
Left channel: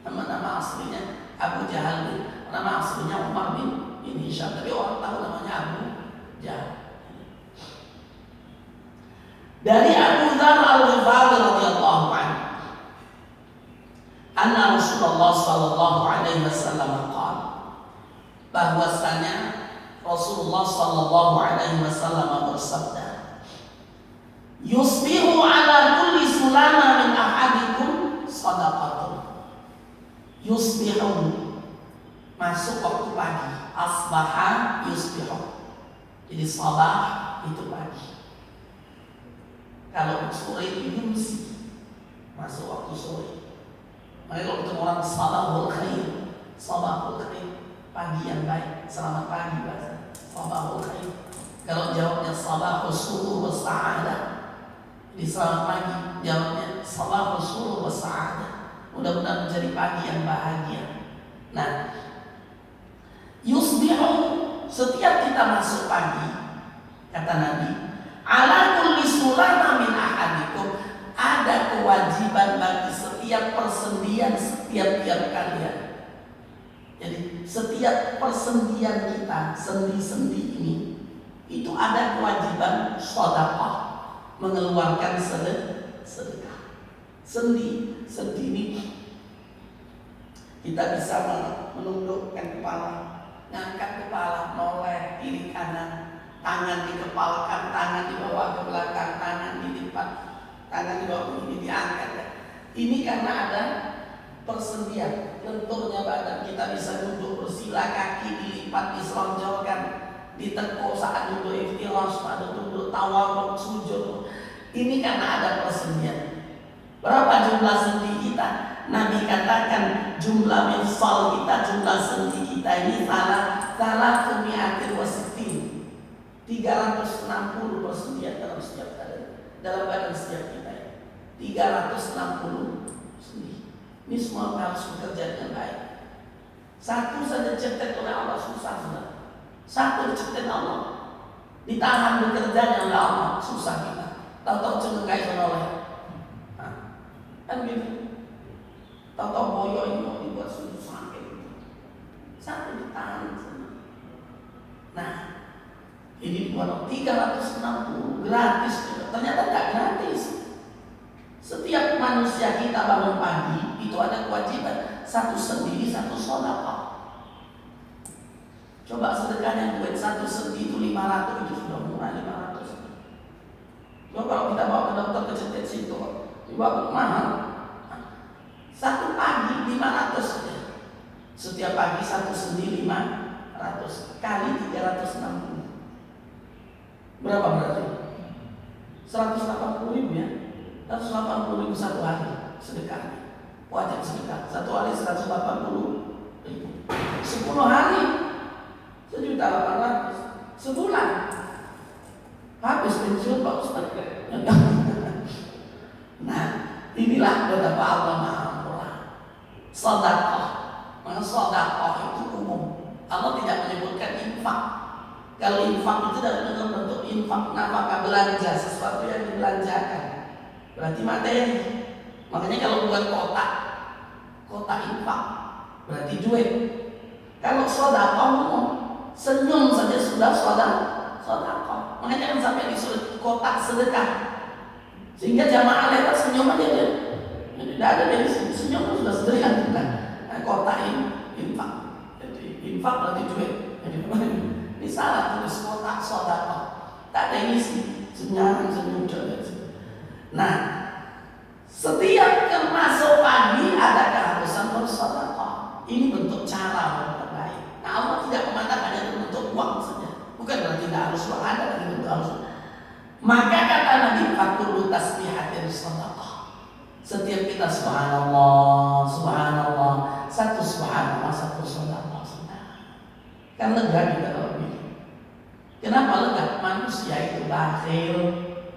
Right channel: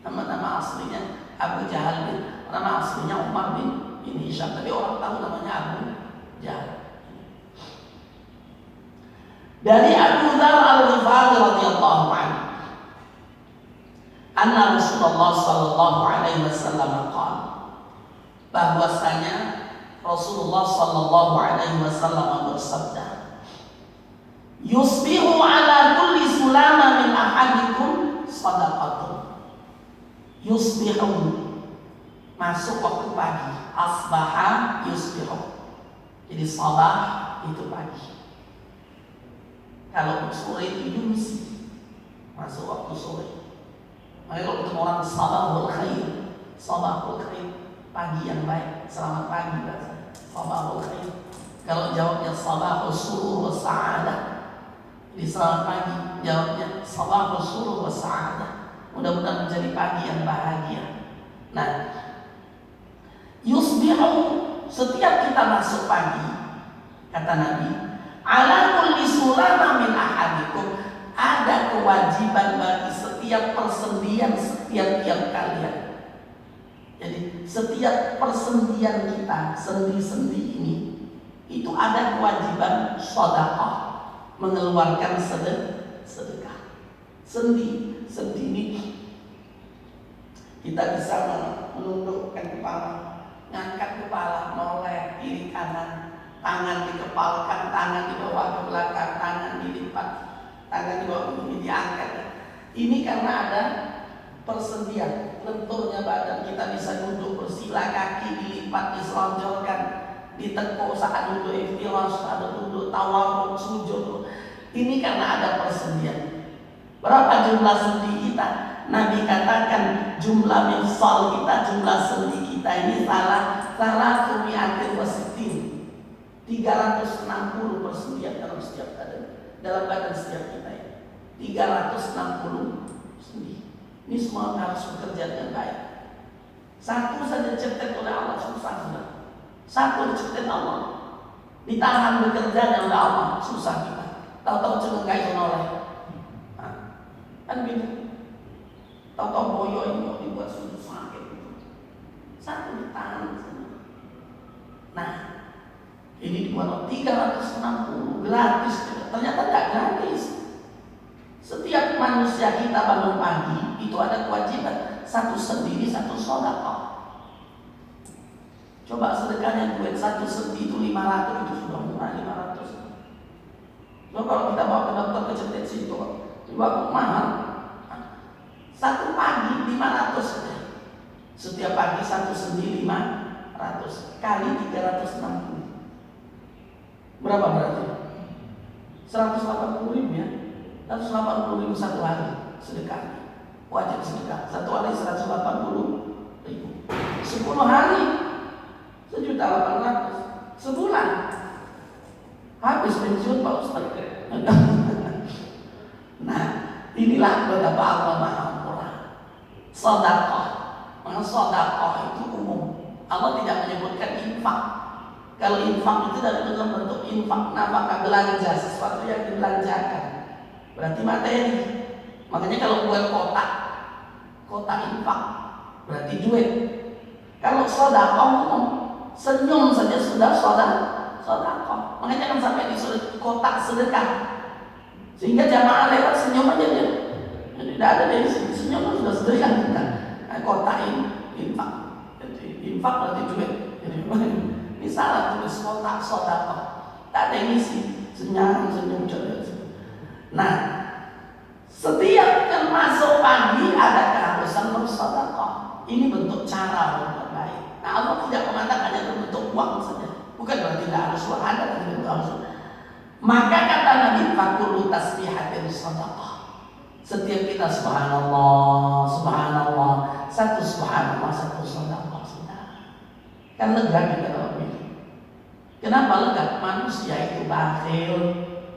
Nama aslinya Abu Jahal, nama aslinya Umar bin Hisham, tapi orang tahu namanya Abu Jahal. Dari Abu Dzar Al-Ghifari radhiyallahu anhu, anna Rasulullah sallallahu alaihi wasallam qala, bahwasanya Rasulullah sallallahu alaihi wasallam bersabda, yusbihu ala kulli sulama min ahadikum shadaqatun. Yusbihu masuk waktu pagi, asbaha yusbihu. Jadi sabah itu pagi. Kalau sore itu yumsi, masuk waktu sore. Maka kalau ketemu orang sabahul khair, pagi yang baik, selamat pagi bahasa sabahul khair. Kalau jawabnya sabahul surur wa sa'adah, jadi selamat pagi, jawabnya sabahul surur wa sa'adah. Mudah-mudahan menjadi pagi yang bahagia. Nah, yusbihu, setiap kita masuk pagi, kata Nabi, ala kulli sulama min ahadikum, ada kewajiban bagi setiap persendian setiap kalian. Jadi setiap persendian kita, sendi-sendi ini, itu ada kewajiban sedekah, mengeluarkan sedekah. Sendi ini kita bisa menundukkan kepala, ngangkat kepala, noleh kiri kanan, tangan dikepalkan, tangan dibawa ke belakang, tangan dilipat, tangan dibawa ini diangkat. Ini karena ada persendian, lenturnya badan, kita bisa duduk bersila, kaki dilipat, diselonjorkan, ditekuk saat duduk iftirash, ada duduk tawarruk, sujud. Ini karena ada persendian. Berapa jumlah sendi kita? Nabi katakan jumlah mifsal kita, jumlah sendi kita ini salah tumiatin wasitin, 360 persendian dalam setiap badan setiap kita ini. 360 sendi. Ini semua harus bekerja dengan baik. Satu saja diciptakan oleh Allah susah sudah. Satu diciptakan Allah, ditahan bekerja oleh Allah susah kita. Tahu-tahu cuma kayak oleh. Kan gini, tahu-tahu boyo ini mau dibuat sujud sakit gitu. Satu ditahan. Nah, ini dibuat 360 gratis. Ternyata tidak gratis. Setiap manusia kita bangun pagi itu ada kewajiban, satu sendiri, satu sedekah. Coba sedekahnya duit satu sendi itu 500, itu sudah murah 500. Coba kalau kita bawa ke dokter kecil situ, dibawa mahal. Satu pagi 500. Setiap pagi satu sendi 500 kali 360. Berapa berarti? 180.000 ya. 180.000 satu hari sedekah. Wajib sedekah. Satu hari 180.000. 10 hari 1.800.000. Sebulan habis pensiun Pak Ustaz. Nah, inilah betapa Allah Maha Murah. Sedekah. Maka sedekah itu umum. Allah tidak menyebutkan infak. Kalau infak itu dalam bentuk infak nafkah, belanja sesuatu yang dibelanjakan, berarti materi. Makanya kalau buat kotak infak berarti duit. Kalau sedekah umum, senyum saja sudah sedekah. Makanya kan sampai disuruh kotak sedekah, sehingga jamaah lewat senyum aja dia. Tidak ada dari sini, senyum sudah sedekah kita. Kotak infak, jadi infak berarti duit. Jadi ini salah tulis kotak sedekah. Tak ada isi, senyum coba. Nah, setiap termasuk pagi ada keharusan bersedekah. Ini bentuk cara berbuat baik. Nah, Allah tidak memandang hanya bentuk uang saja. Bukan berarti tidak harus uang, ada lagi bentuk harus. Maka kata Nabi, fakulu tasbihatin sadaqah. Setiap kita subhanallah, subhanallah, satu subhanallah, satu sadaqah. Kan lega kita kalau begini. Kenapa lega? Manusia itu bakhil.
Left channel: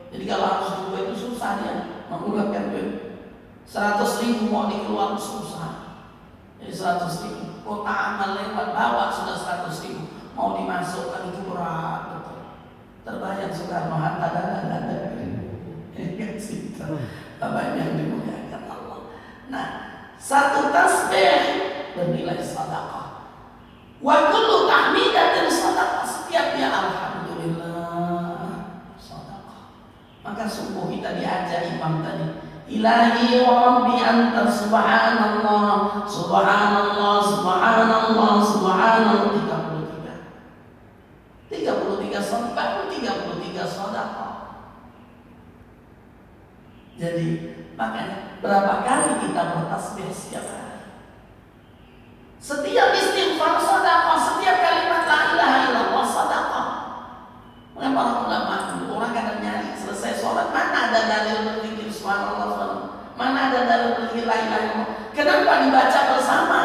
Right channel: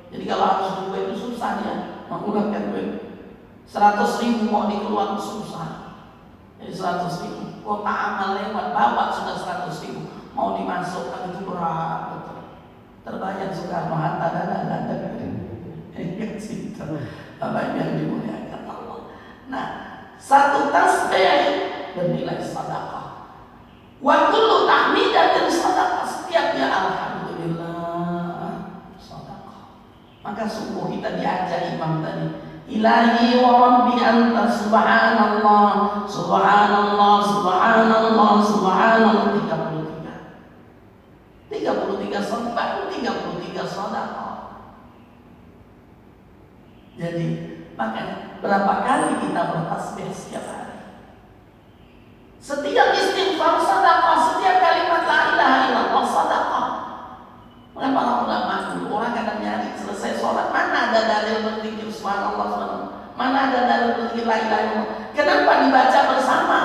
Jadi kalau harus duit itu susah ya, mengeluarkan duit. 100.000 mau dikeluarkan susah. Jadi 100.000 kota amal lewat bawa sudah 100.000 mau dimasukkan itu berat betul. Terbayang Soekarno Hatta dan ada yang cinta Bapak yang dimuliakan Allah. Nah, satu tasbih bernilai sedekah. Wa kullu tahmidatin sedekah, setiap dia alhamdulillah sedekah. Maka sungguh kita diajar imam tadi, Ilahi wa Rabbi anta subhanallah, subhanallah, subhanallah, subhanallah 33 sedekah, 33 sedekah. Jadi makanya berapa kali kita bertasbih setiap hari? Setiap istighfar sedekah, setiap kalimat la ilaha illallah sedekah. Maka para ulama dulu orang kadang nyari selesai sholat, mana ada dalil berzikir subhanallah, subhanallah, mana ada dalil berzikir la ilaha illallah. Kenapa dibaca bersama?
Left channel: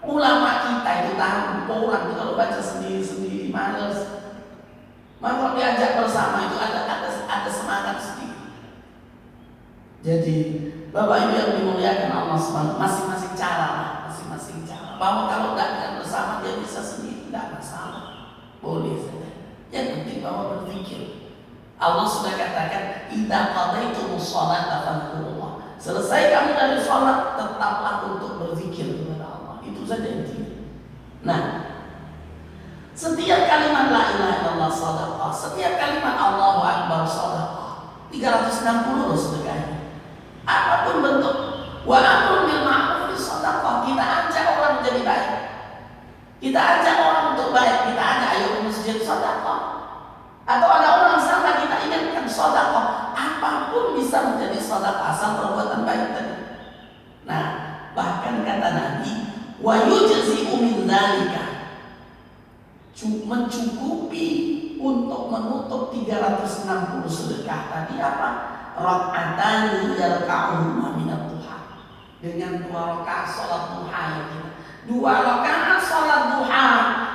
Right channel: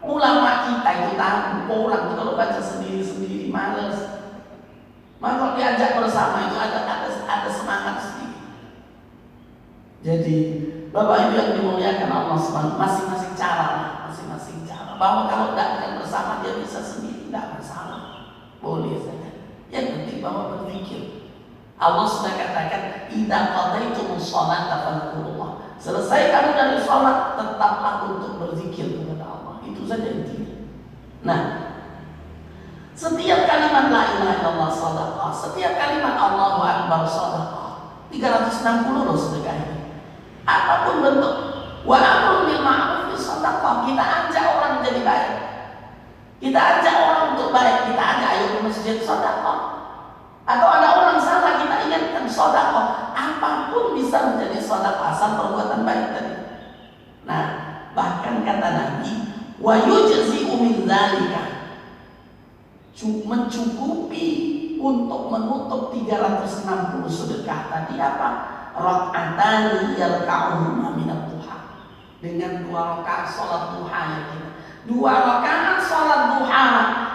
Ulama kita itu tahu, orang itu kalau baca sendiri-sendiri males. Maka kalau diajak bersama itu ada semangat sedikit. Jadi Bapak Ibu yang dimuliakan Allah SWT, masing-masing cara, masing-masing cara. Bahwa kalau tidak bersama dia bisa sendiri, tidak masalah, boleh saja. Yang penting bahwa berpikir. Allah sudah katakan, idza qadaytumus sholata fadhkurullah. Selesai kamu dari sholat, tetaplah untuk berzikir kepada Allah. Itu saja intinya. Nah, setiap kalimat la ilaha illallah sedekah, setiap kalimat Allahu akbar sedekah. 360 loh sedekahnya. Apapun bentuk. Wa amrun bil ma'ruf sedekah. Kita ajak orang menjadi baik. Kita ajak orang untuk baik. Kita ajak ayo ke masjid sedekah. Atau ada orang salah kita ingatkan sedekah. Apapun bisa menjadi sedekah asal perbuatan baik tadi. Nah, bahkan kata Nabi, wa yujzi'u min dzalika, mencukupi untuk menutup 360 sedekah tadi apa? Rak'atani yarka'uhuma minat duha. Dengan 2 rakaat salat duha yang kita. 2 rakaat salat duha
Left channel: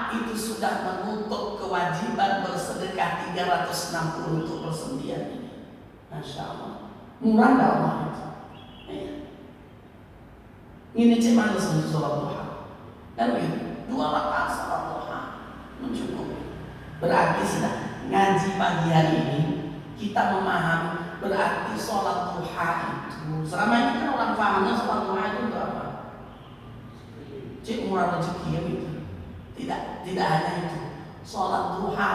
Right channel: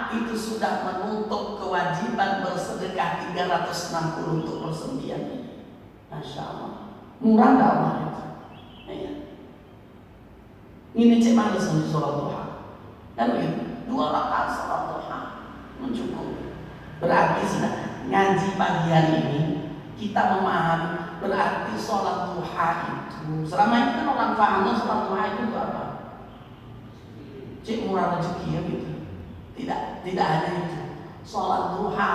itu sudah menutup kewajiban bersedekah 360 untuk persendian ini. Masya Allah. Murah enggak Allah itu? Ini cuma harus sholat duha. Kan begitu? 2 rakaat salat duha mencukupi. Berarti sudah ngaji pagi hari ini kita memahami berarti sholat duha itu selama ini kan orang pahamnya sholat duha itu apa? Cik murah rezeki ya gitu. Tidak hanya itu. Sholat duha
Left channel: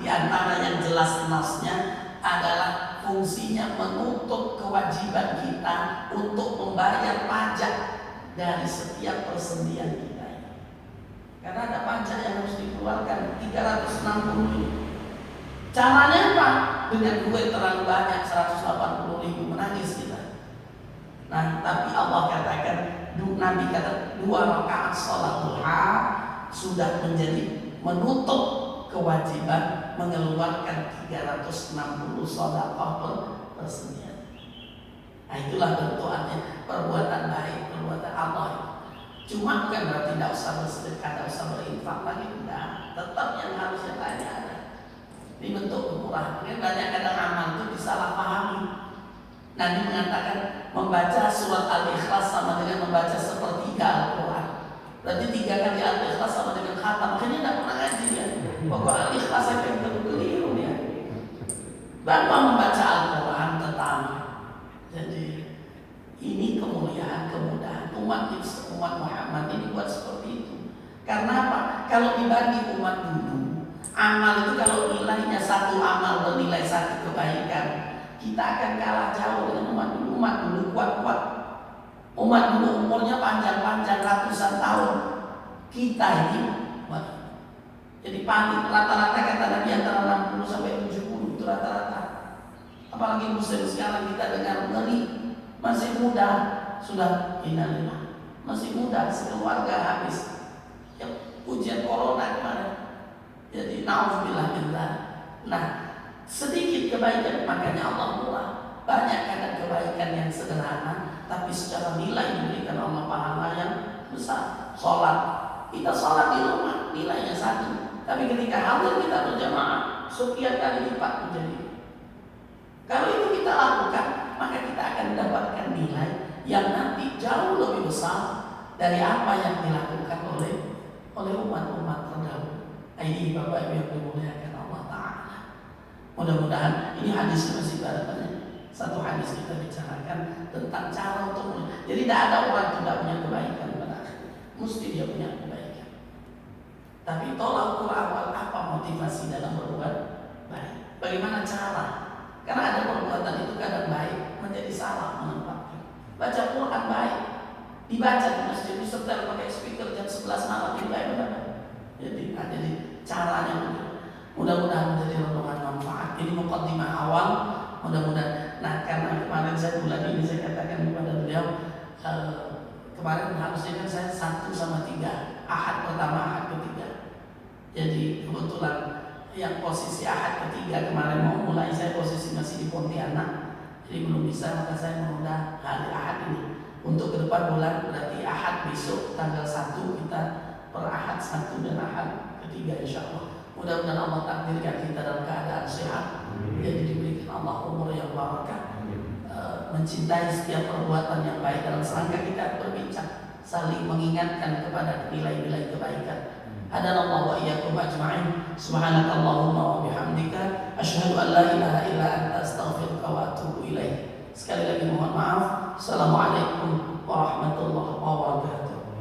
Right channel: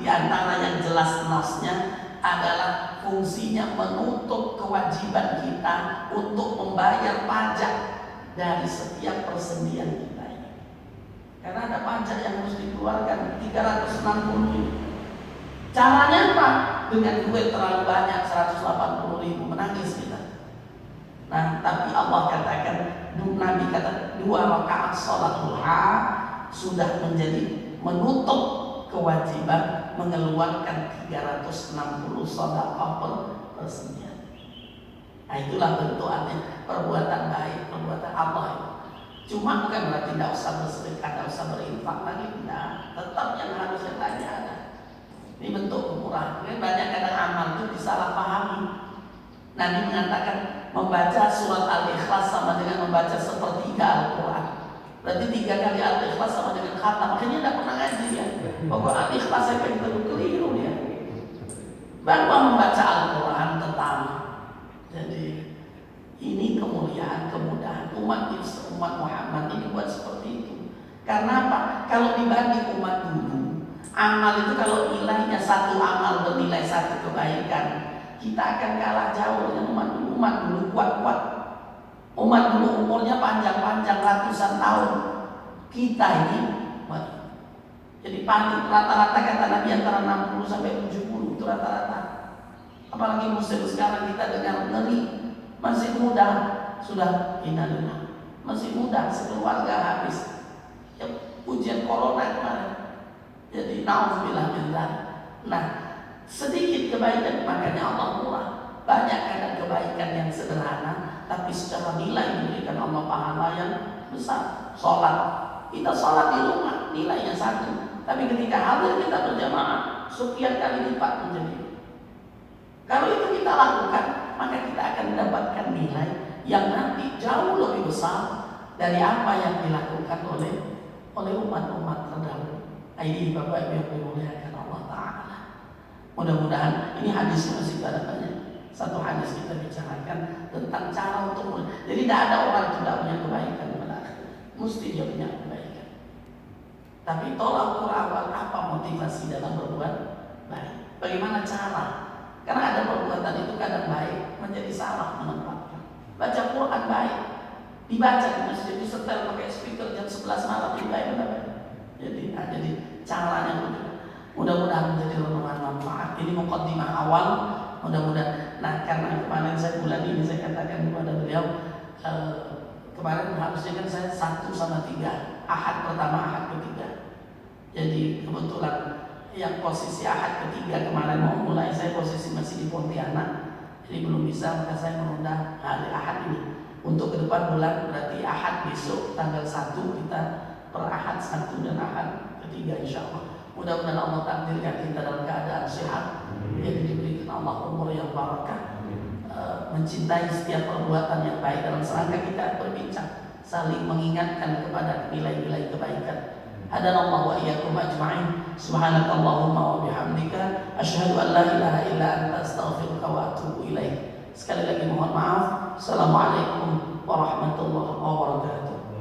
diantara yang jelas nasnya adalah fungsinya menutup kewajiban kita untuk membayar pajak dari setiap persendian kita. Karena ada pajak yang harus dikeluarkan 360. Caranya apa? Dengan duit terlalu banyak 180.000 menangis kita. Nah, tapi Allah katakan, Nabi kata 2 rakaat sholat duha sudah menjadi menutup kewajiban mengeluarkan 360 sedekah persendian. Nah, itulah bentukannya perbuatan baik, perbuatan Allah. Cuma bukan berarti tidak usah bersedekah, tidak usah berinfak lagi, tidak. Tetap yang harusnya tanya ada. Ini bentuk kemurahan. Banyak kadang amal itu disalahpahami. Nabi mengatakan membaca surat Al-Ikhlas sama dengan membaca sepertiga Al-Quran. Berarti 3 kali Al-Ikhlas sama dengan khatam. Makanya tidak pernah ngaji ya. Pokok Al-Ikhlas saya pengen keliru ya. Bahwa membaca Al-Quran tetap. Jadi ini kemuliaan, kemudahan umat Muhammad ini buat seperti itu. Karena apa? Kalau dibanding umat dulu, amal itu kalau nilainya 1 amal bernilai 1 kebaikan, kita akan kalah jauh dengan umat dulu. Umat dulu kuat-kuat. Umat dulu umurnya panjang-panjang ratusan tahun. Kita ini jadi paling rata-rata kata Nabi antara 60 sampai 70 itu rata-rata. Apalagi muslim sekarang kita dengar ngeri. Masih muda sudah hina-hina. masih muda, sekeluarga habis. Ya, ujian corona kemarin. Jadi nauzubillah min dzalik. Nah, sedikit kebaikan makanya Allah murah. Banyak ada kebaikan yang sederhana, tapi secara nilai diberikan Allah pahala yang besar. Sholat, kita sholat di rumah nilainya satu, tapi ketika hadir kita berjamaah sekian kali lipat menjadi. Kalau itu kita lakukan, maka kita akan mendapatkan nilai yang nanti jauh lebih besar dari apa yang dilakukan oleh umat-umat terdahulu. Ini Bapak Ibu yang dimuliakan Allah Ta'ala. Mudah-mudahan ini hadis masih banyak. Satu hadis kita bicarakan tentang cara untuk jadi tidak ada orang yang tidak punya kebaikan pada akhirnya. Mesti dia punya kebaikan. Tapi tolak ukur awal apa motivasi dalam berbuat baik. Bagaimana cara? Karena ada perbuatan itu kadang baik menjadi salah menempatkan. Baca Quran baik, dibaca di masjid, disetel pakai speaker jam 11 malam itu baik benar. Jadi caranya begitu. Mudah-mudahan menjadi renungan manfaat. Ini mukaddimah awal. Mudah-mudahan. Nah, karena kemarin saya bulan ini saya katakan kepada beliau, kemarin harusnya kan saya 1/3, Ahad pertama, Ahad ketiga. Jadi kebetulan yang posisi Ahad ketiga kemarin mau mulai, saya posisi masih di Pontianak, jadi belum bisa, maka saya menunda hari Ahad ini. Untuk ke depan bulan berarti Ahad besok tanggal 1 kita per Ahad 1 dan Ahad ketiga insya Allah. Mudah-mudahan Allah takdirkan kita dalam keadaan sehat, yang diberikan Allah umur yang barakah, mencintai setiap perbuatan yang baik. Dalam serangka kita berbincang, saling mengingatkan kepada nilai-nilai kebaikan. Hadanallahu wa iyyakum ajma'in. Subhanakallahumma wa bihamdika asyhadu an la ilaha illa anta astaghfiruka wa atubu ilaik. Sekali lagi mohon maaf. Assalamualaikum warahmatullahi wabarakatuh.